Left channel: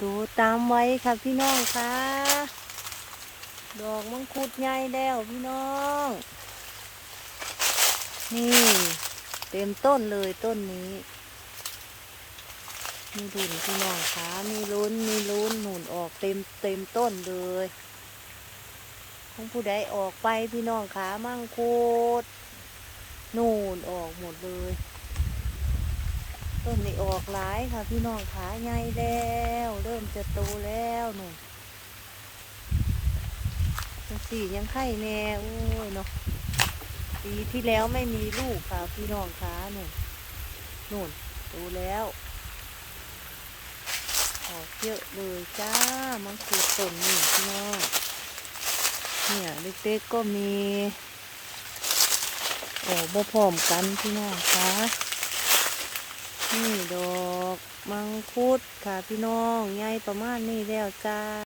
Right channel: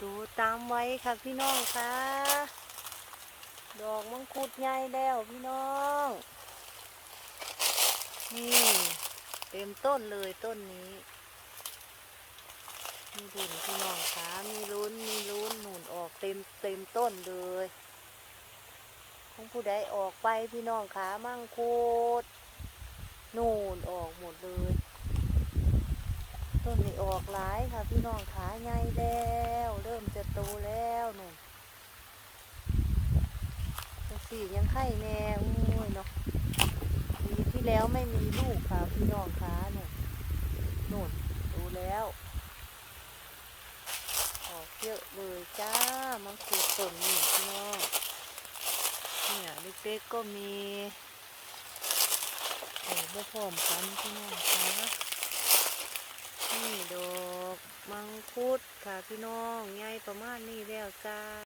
ดูตามไว้ค่ะพี่น้องค่ะ ดอกมังคุดใหญ่แล้วพี่น้อง นี่ เต็มต้นเลยต้นนี้ มีดุนพี่น้องคะมีลุ้นมีลุ้นหนุนออกเต็มเต็มต้นเลยของผู้ใดออกไปพี่น้องคะมังคุดนูนออก ต้นนี้ออกหลายค่ะพี่น้องขาใหญ่แล้ว เริ่มจะโตแล้วหนูสียังไข่แน่โอ้ยเนาะปีที่แล้วไม่มีลูกค่ะ พี่น้องขาหนูนู่นโตแล้วออกเยอะเลยจ้ามังคุดต้นนี่พี่น้องเนี่ยเล็กๆก็มีออกบ่พร้อมกันพี่น้องคะ นี่ดอก มังคุดค่ะพี่น้องใหญ่ประมาณนี้แล้วจ้า